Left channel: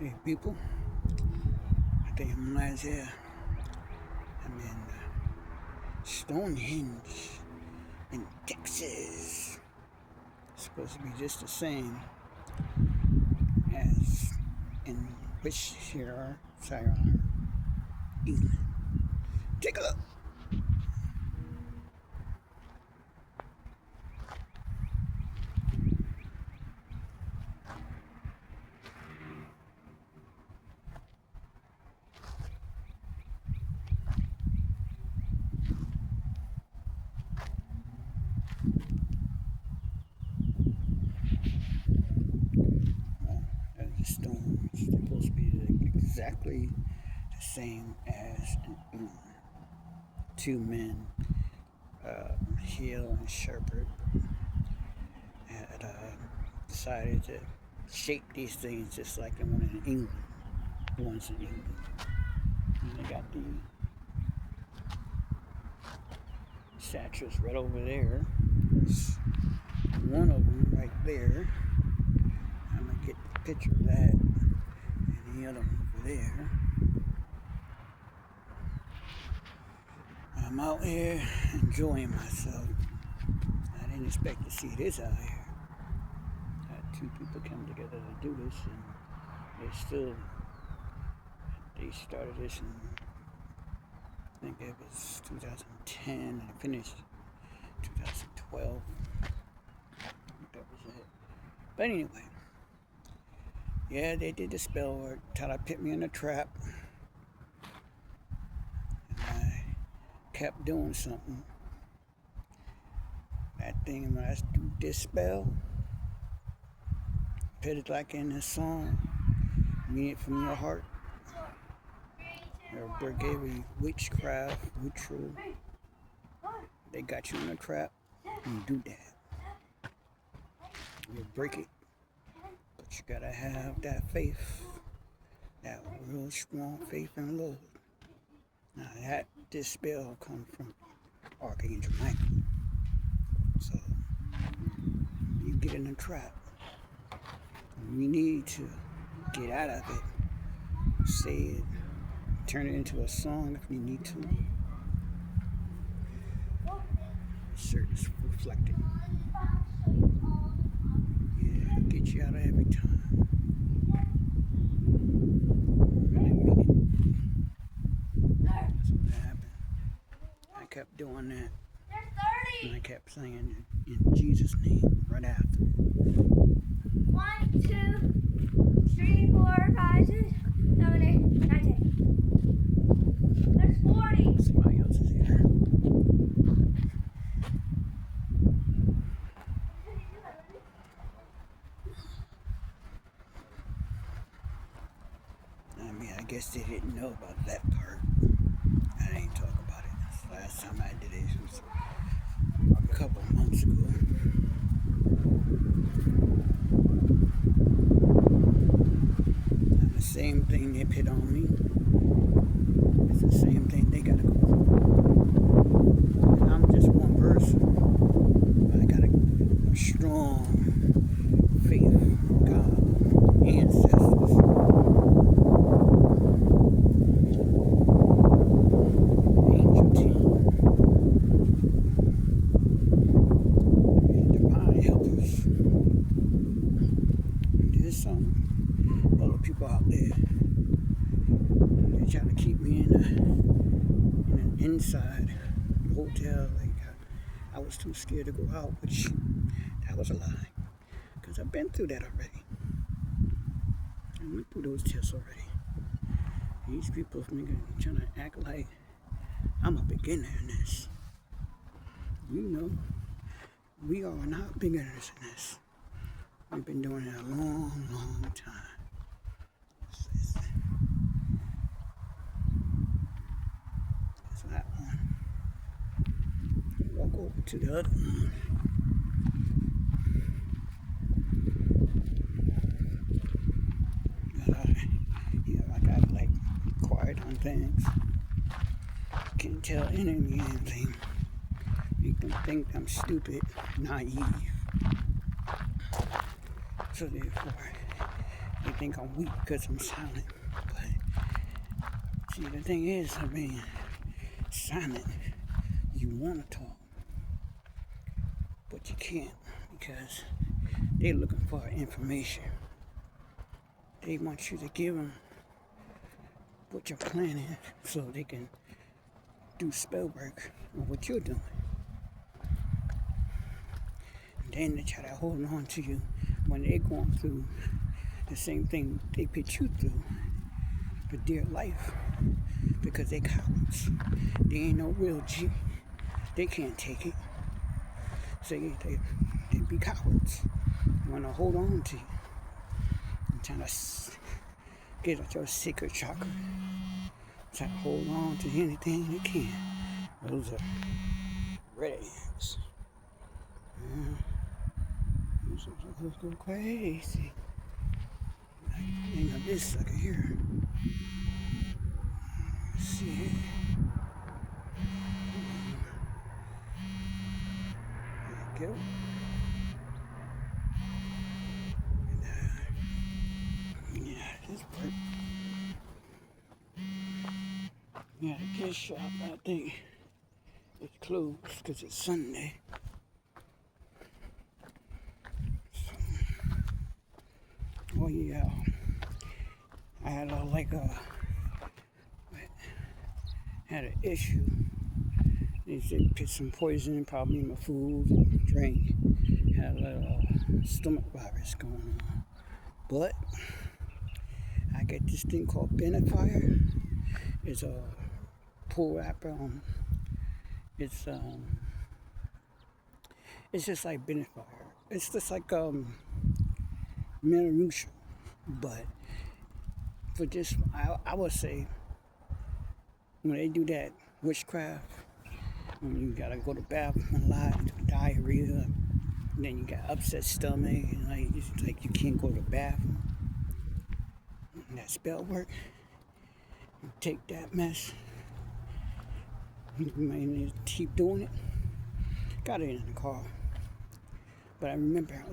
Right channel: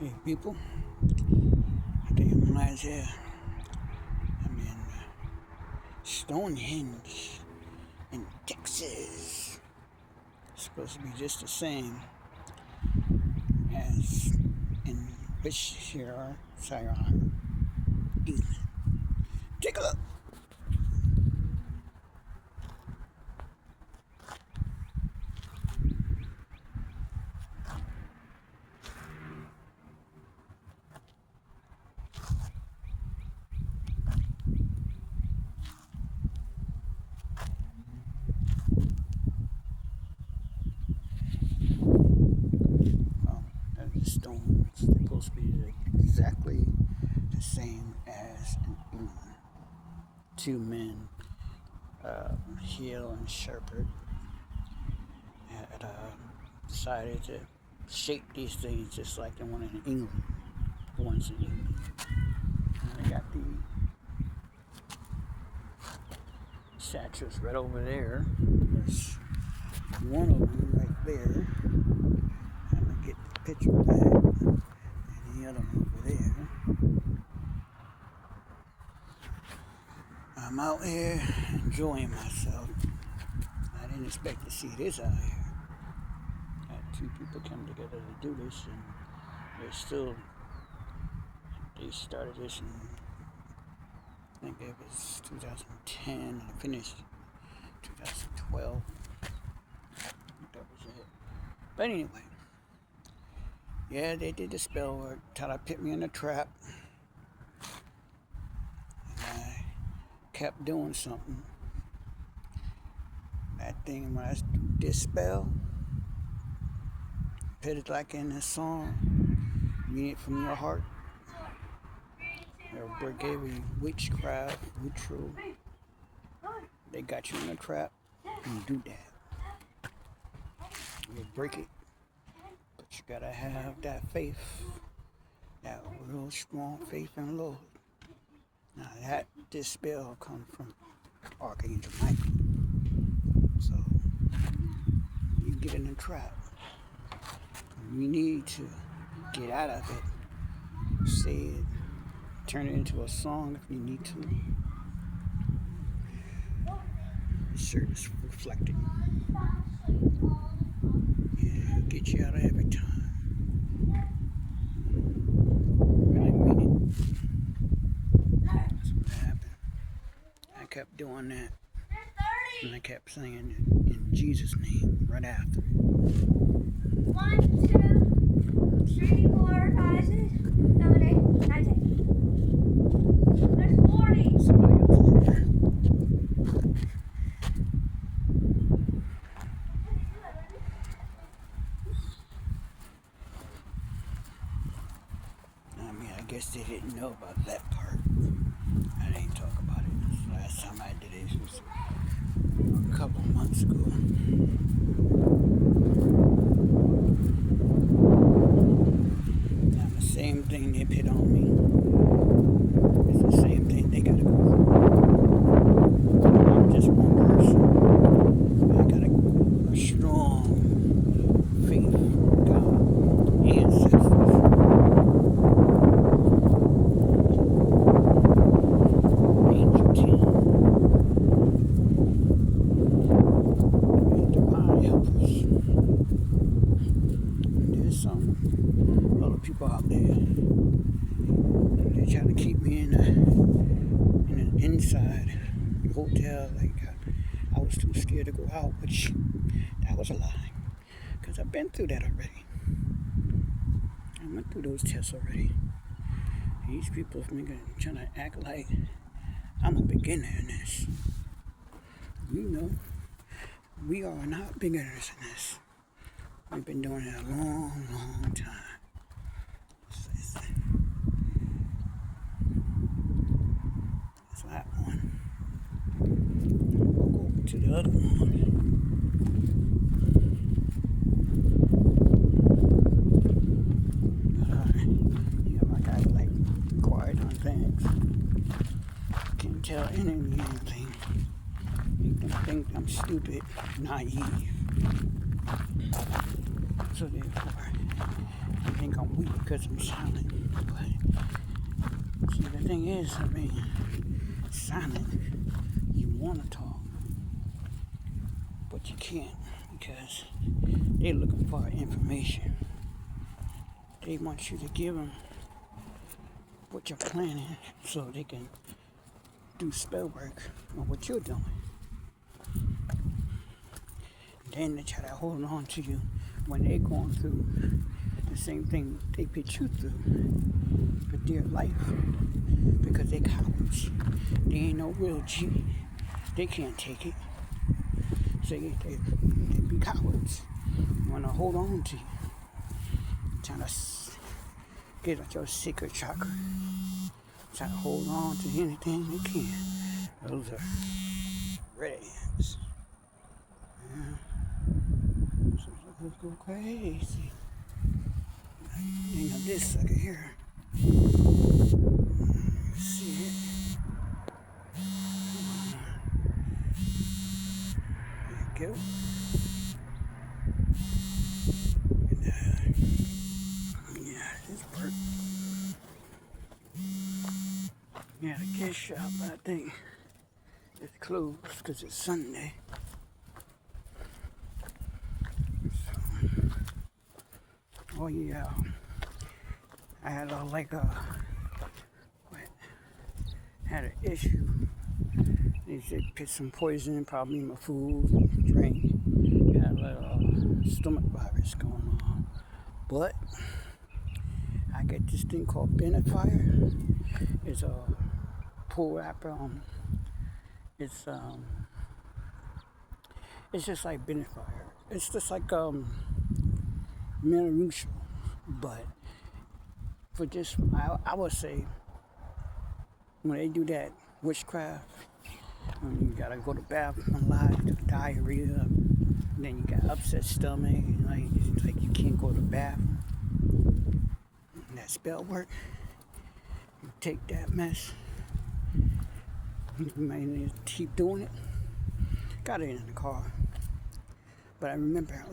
Hey people, I think I'm in Isaiah. I'm in Stonehenge in Texas. It's supposed to be just the same as in Worcestershire, England. Take a look. Well, that's a stone. It's supposed to be exactly the same as in England. Two men, Hill and Shepherd, had decided to shape these things just like the one in England. The ones in England. And they got the statues right over there. There's one of them right there. I'm gonna get the picture of that. And the other one over there. I'm out here enjoying myself. I didn't expect to see this out here. Had two people come together to do this, and they started this in, I think it was 2010 and finished 2012. That was it. But anyway, yeah, they did the spell work. Thought I put me in a trap. And I kept doing something. That thing, when I do this spell, put it like in this song, mean it from your heart. Or break every witchcraft, ritual. They got you in a trap. You do that. You break it. But you gotta have that faith. That real strong faith in the Lord. Now this spell comes from Archangel Michael. So you get in a trap. You need to get out of it. Say it. Turn it into a song if you need to. Sure, it's reflecting. Yeah, get you out of every time. Really mean it. That's what happened. I kept doing that. And I kept saying it in Jesus' name right after it. 1, 2, 3, 4, 5, 6, 7, 8, 9, 10. There's 40. Somebody else is here. I mean, I guess they didn't know about that part. I didn't talk about it. The last time I did it was a couple months ago. Now, the same thing they put on me, it's the same thing they gotta go through. I'm just one person. I got a strong faith in God, ancestors. Angel team. Divine helpers. There's some other people out there. They're trying to keep me in an inside hotel. Like I was too scared to go out, which that was a lie. Because I've been through that already. I went through those tests already. These people trying to act like I'm a beginner in this. You know, we are not beginners in this. We've been doing it a long, long time. That's that one. We'll go over to the other one. I got like quiet on things. Can't tell enemy anything. Make them think I'm stupid, naive. So therefore, They think I'm weak because I'm silent. But see, the thing is, I mean, silent, you want to talk, but you can't because they're looking for information. They want you to give them what you're planning so they can do spell work on what you're doing. And then they try to hold on to you when they're going through the same thing they put you through for dear life because they cowards. They ain't no real G. They can't take it. So they be cowards. Want to hold on to you. Trying to get at your secret chakra. Try to hold on to anything they can. Those are red ants. Let's go crazy. Hang up this sucker here. See it. There you go. Yeah, this worked. Yeah, the gift shop, I think it's closed because it's Sunday. So, oh yeah, I had had an issue. They put some poison in probably in my food and drink. Had a little stomach virus going on, but I get this thing called Benefier. It's a pull app. It's just like Benefier. It's just like Metamucil, but for this, I would say when they do that witchcraft, when you gotta go to the bathroom a lot, diarrhea, and then you got upset stomach, and it's like you can't go to the bathroom. And that spell work, you take that mess, you might need to keep doing it. Got it in the car. But I remember,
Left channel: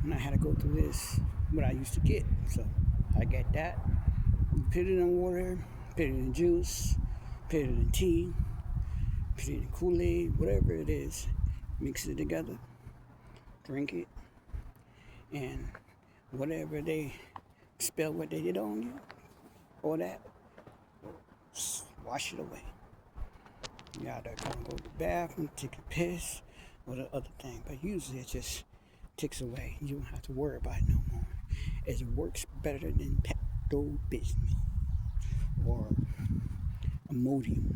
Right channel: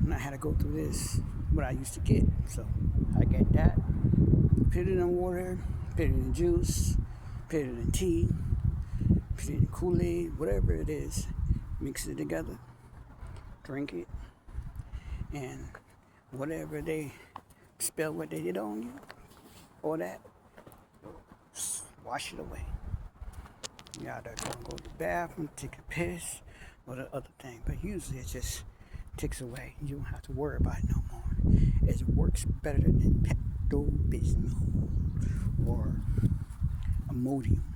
when I had to go through this, what I used to get. So I get that, put it in water, put it in juice, put it in tea, put it in Kool-Aid, whatever it is, mix it together, drink it, and whatever they spell what they did on you, or that, wash it away. You either gonna go to the bathroom, take a piss, or the other thing. But usually it just takes away. You don't have to worry about it no more. It works better than Pepto-Bismol or Imodium.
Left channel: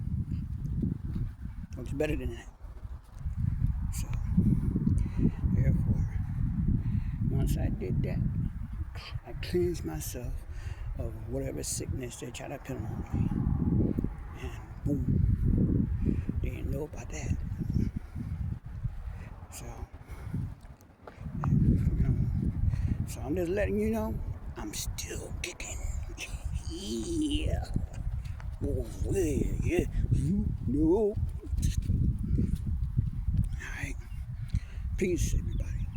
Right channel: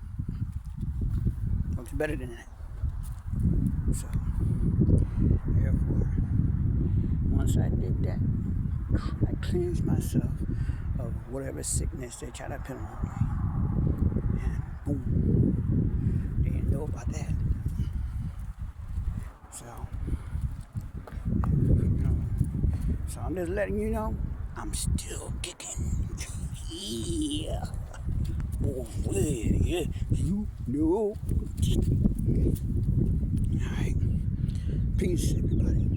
Works better than that. So, therefore, once I did that, I cleansed myself of whatever sickness they try to put on me. And boom, they didn't know about that. So I'm just letting you know, I'm still kicking. Yeah. Oh, yeah, you know. All right. Peace, everybody.